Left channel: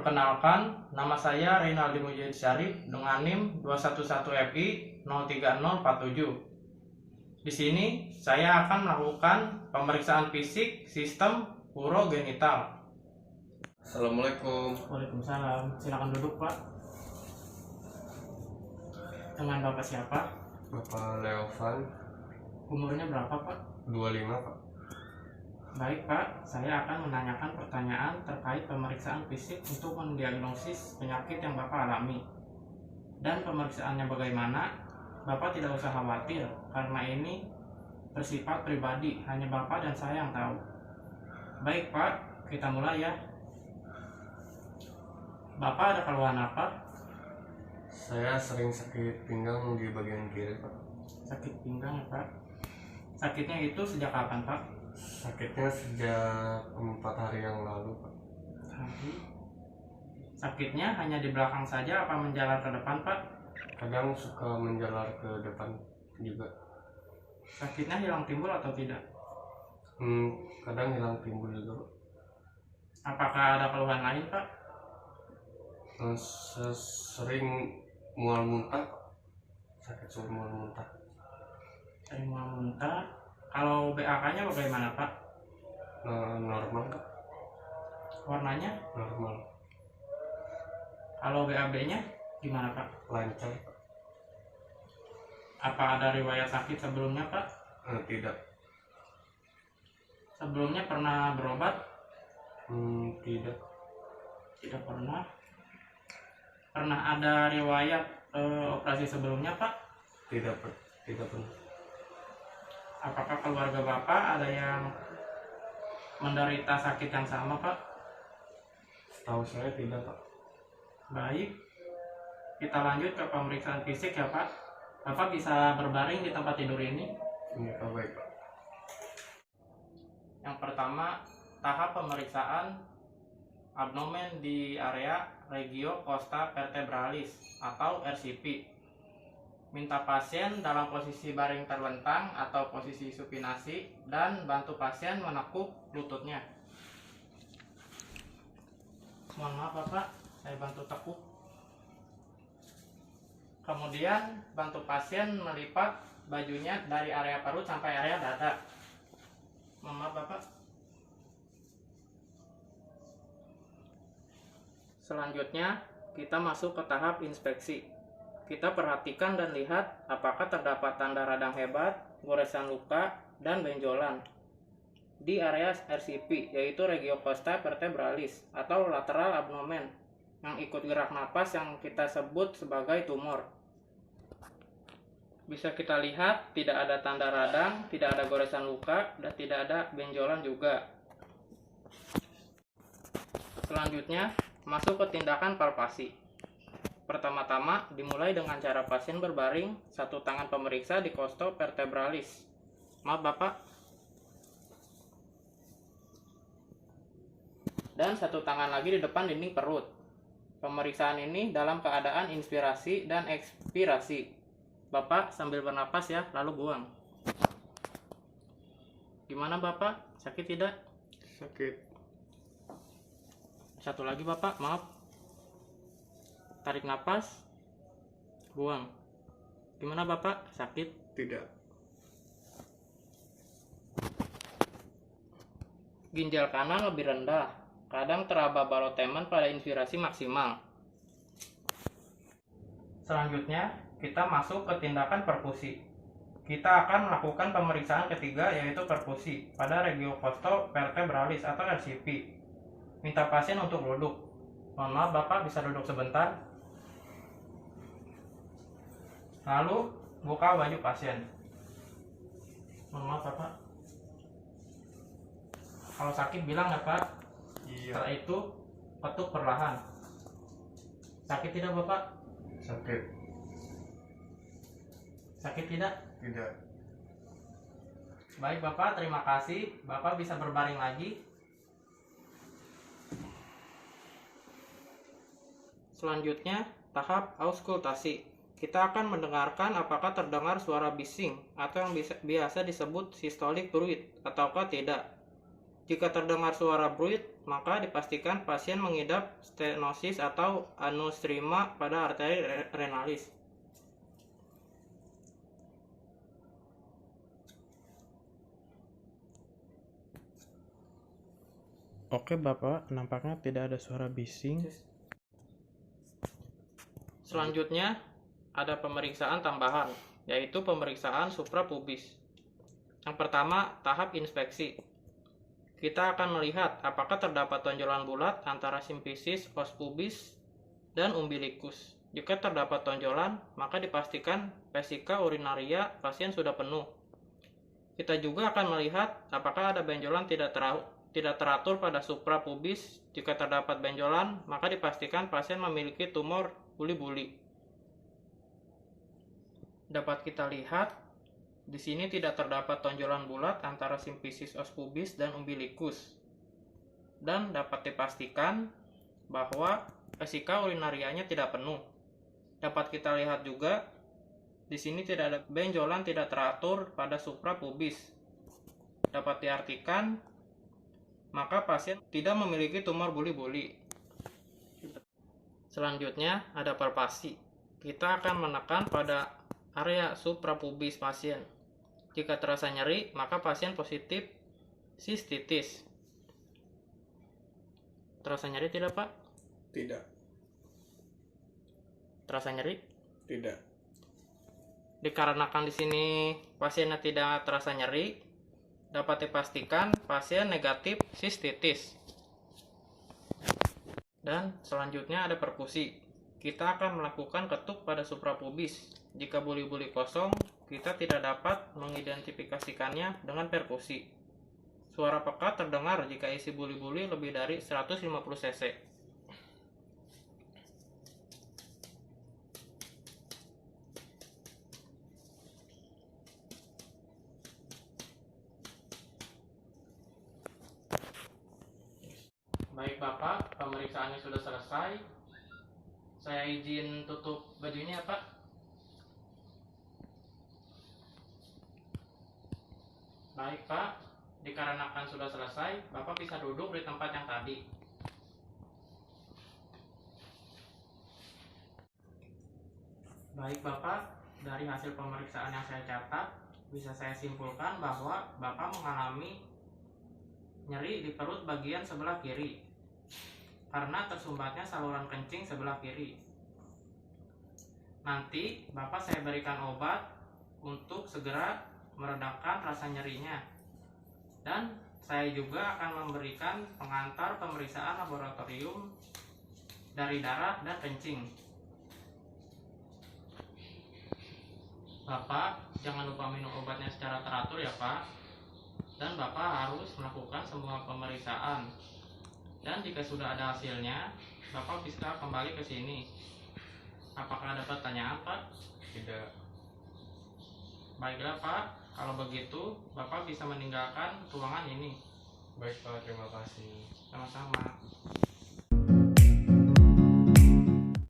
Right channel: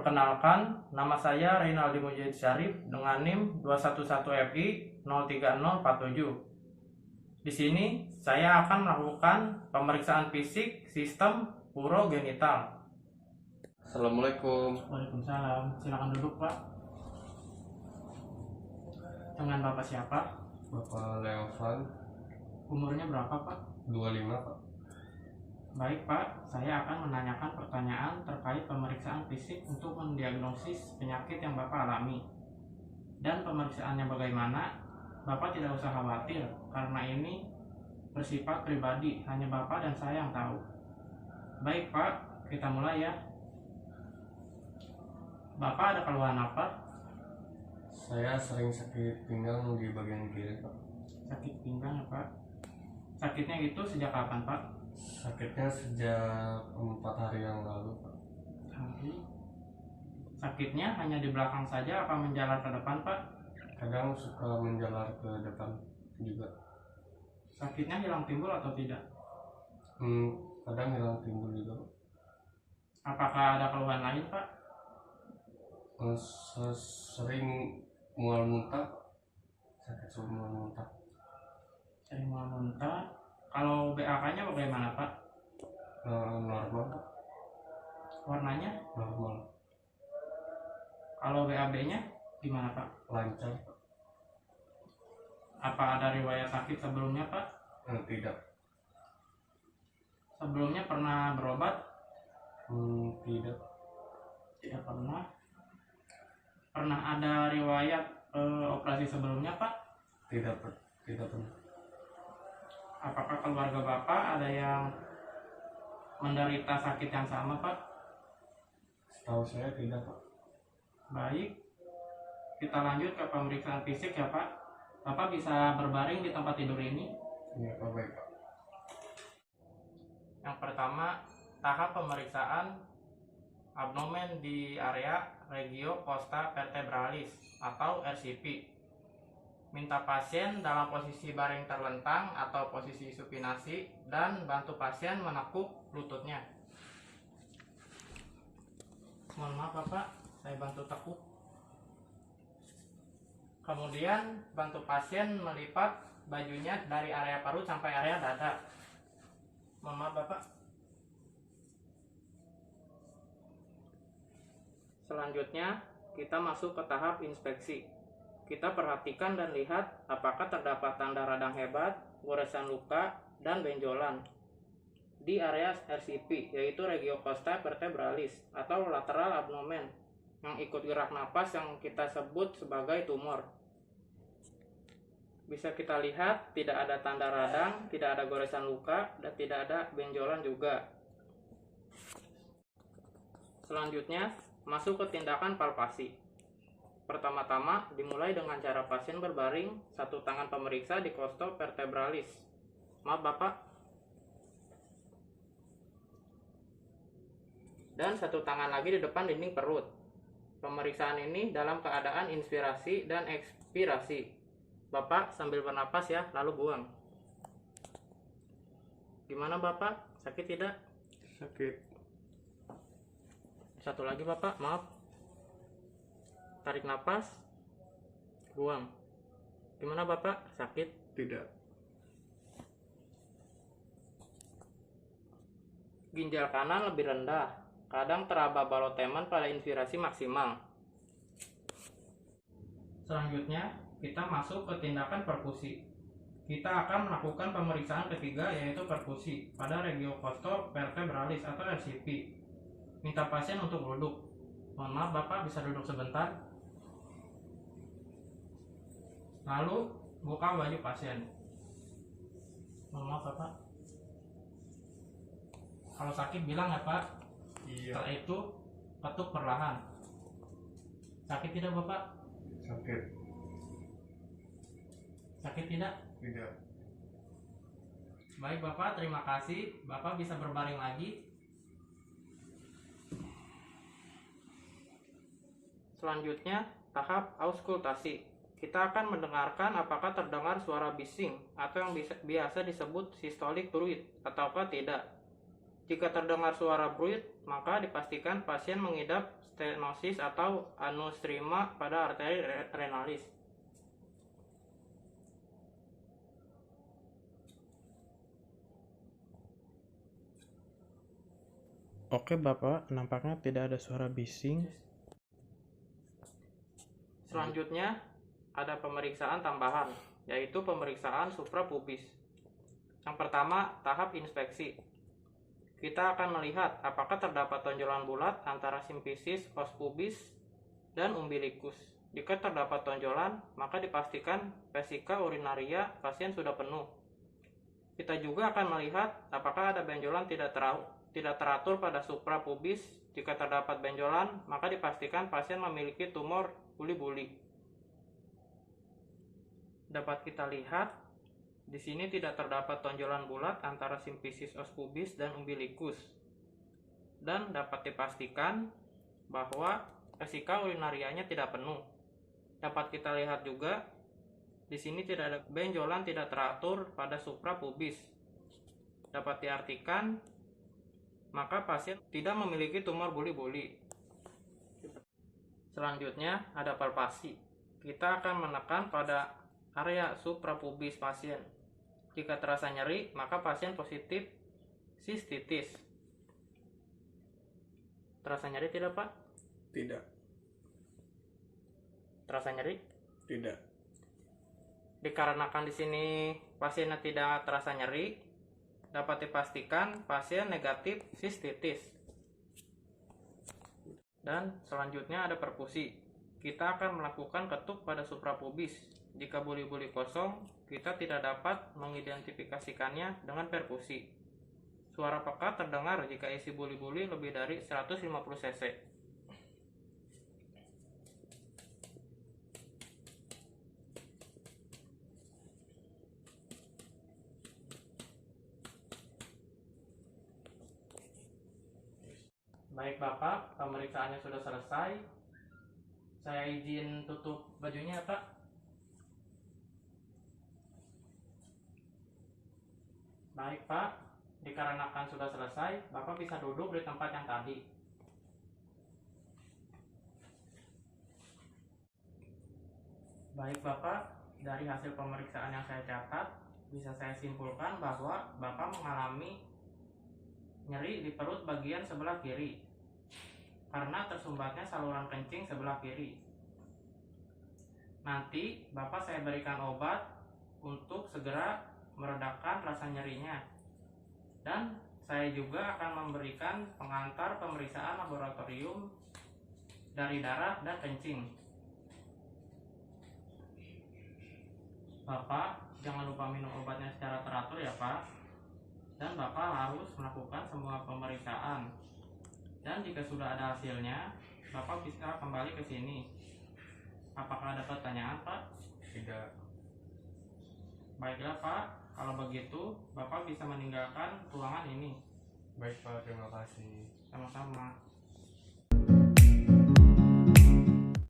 Perkenalkan, nama saya Rinaldi Mujahid Syarif dengan NIM 211FI 03047. Di sini saya akan melakukan pemeriksaan fisik sistem urogenital. Assalamualaikum. Waalaikumsalam. Silakan duduk, Pak. Dengan Bapak siapa? Bapak Leovan, Umurnya berapa, Pak? 25 Pak. Baik, Pak. Saya akan menanyakan pertanyaan terkait pemeriksaan fisik untuk mendiagnosis penyakit yang Bapak alami. Dan pemeriksaannya bagaimana? Bapak tidak usah khawatir, karena ini bersifat pribadi, hanya Bapak dan saya yang tahu. Baik, Pak. Kita mulai ya. Bapak ada keluhan apa? Saya sering sakit pinggang di bagian kiri Pak. Sakit pinggang ya, Pak. Sakitnya itu sejak kapan, Pak? Sakitnya sejak 4 hari yang lalu Pak. Sakitnya hanya di belakang saja apa menjalar ke depan, Pak? Kadang suka menjalar ke depan juga. Sakitnya hilang timbul atau tidak? Kadang hilang timbul juga Pak. Apakah ada keluhan lain, Pak? Sering mual muntah Pak. Sakit sulit mual muntah. Sering mual muntah. Kalau BAK-nya bagaimana, Pak? Normal Pak. Warnanya? Normal. Kalau BAB-nya gimana, Pak? Lancar Pak. Apa ada riwayat sakit sebelumnya, Pak? Tidak. Sebelumnya pernah berobat? Tidak. Tidak pernah. Pernah ada riwayat operasi sebelumnya, Pak? Tidak Pak. Tidak pernah. Apakah keluarga Bapak ada yang menderita sakit yang sama, Pak? Setahu saya tidak Pak. Baik, kita lanjut ke pemeriksaan fisik ya, Pak. Bapak bisa berbaring di tempat tidur ini. Ini Pak, baik Pak. Yang pertama, tahap pemeriksaan abdomen di area regio costa vertebralis atau RCP. Minta pasien dalam posisi baring terlentang atau posisi supinasi dan bantu pasien menekuk lututnya. Mohon maaf, Bapak, saya bantu tekuk. Kemudian bantu pasien melipat bajunya dari area perut sampai area dada. Mohon maaf, Bapak. Selanjutnya kita masuk ke tahap inspeksi. Kita perhatikan dan lihat apakah terdapat tanda radang hebat, goresan luka, dan benjolan di area RCP, yaitu regio costa vertebralis atau lateral abdomen, yang ikut gerak napas yang kita sebut sebagai tumor. Bisa kita lihat tidak ada tanda radang, tidak ada goresan luka, dan tidak ada benjolan juga. Selanjutnya masuk ke tindakan palpasi. Pertama-tama dimulai dengan cara pasien berbaring, satu tangan pemeriksa di costo vertebralis. Maaf, Bapak. Dan satu tangan lagi di depan dinding perut. Pemeriksaan ini dalam keadaan inspirasi dan ekspirasi. Bapak sambil bernapas ya, lalu buang. Gimana, Bapak? Sakit tidak? Sakit. Satu lagi, Bapak, maaf. Tarik napas, buang. Gimana, Bapak? Sakit? Tidak. Ginjal kanan lebih rendah. Kadang teraba balotemen pada inspirasi maksimal. Selanjutnya, kita masuk ke tindakan perfusi. Kita akan melakukan pemeriksaan ketiga, yaitu perfusi pada regio costo vertebralis atau RCP. Minta pasien untuk duduk. Mohon maaf, Bapak bisa duduk sebentar. Lalu buka baju pasien. Mohon maaf, Bapak. Kalau sakit bilang ya, Pak. Iya. Setelah itu ketuk perlahan. Sakit tidak, Bapak? Sakit. Sakit tidak? Tidak. Baik, Bapak, terima kasih. Bapak bisa berbaring lagi. Selanjutnya, tahap auskultasi. Kita akan mendengarkan apakah terdengar suara bising atau yang biasa disebut systolic fluid ataukah tidak. Jika terdengar suara bruit, maka dipastikan pasien mengidap stenosis atau aneurysma pada arteri renalis. Oke Bapak, nampaknya tidak ada suara bising. Selanjutnya ada pemeriksaan tambahan, yaitu pemeriksaan suprapubis. Yang pertama, tahap inspeksi. Kita akan melihat apakah terdapat tonjolan bulat antara simfisis os pubis dan umbilikus. Jika terdapat tonjolan, maka dipastikan vesika urinaria pasien sudah penuh. Kita juga akan melihat apakah ada benjolan tidak teratur pada suprapubis. Jika terdapat benjolan, maka dipastikan pasien memiliki tumor buli-buli. Dapat kita lihat, di sini tidak terdapat tonjolan bulat antara simfisis os pubis dan umbilikus. Dan dapat dipastikan bahwa vesika urinarianya tidak penuh. Dapat kita lihat juga, di sini tidak ada benjolan tidak teratur pada suprapubis. Dapat diartikan, maka pasien tidak memiliki tumor buli-buli. Selanjutnya ada palpasi. Kita akan menekan pada area suprapubis pasien. Jika terasa nyeri, maka pasien positif sistitis. Terasa nyeri tidak, Pak? Tidak. Terasa nyeri? Tidak. Dikarenakan di sini pasiennya tidak terasa nyeri, dapat dipastikan pasien negatif sistitis. Dan selanjutnya ada perkusi. Kita akan melakukan ketuk pada suprapubis. Jika buli-buli kosong, kita tidak dapat mengidentifikasikannya dengan perkusi. Suara pekat terdengar jika isi buli-buli lebih dari 150 cc. Baik Bapak, pemeriksaannya sudah selesai. Saya izin tutup bajunya ya Pak. Baik Pak, dikarenakan sudah selesai, Bapak bisa duduk di tempat yang tadi. Baik Bapak, dari hasil pemeriksaan yang saya catat, bisa saya simpulkan bahwa Bapak mengalami nyeri di perut bagian sebelah kiri karena tersumbatnya saluran kencing sebelah kiri. Nanti Bapak saya berikan obat untuk segera meredakan rasa nyerinya. Dan saya juga akan memberikan pengantar pemeriksaan laboratorium dari darah dan kencing. Bapak jangan lupa minum obatnya secara teratur ya Pak. Dan Bapak harus melakukan semua pemeriksaan. Dan jika sudah ada hasilnya, Bapak bisa kembali ke sini. Apakah ada pertanyaan Pak? Tidak. Baiklah Pak, kalau begitu Bapak bisa meninggalkan ruangan ini. Baik Pak, terima kasih. Sama-sama.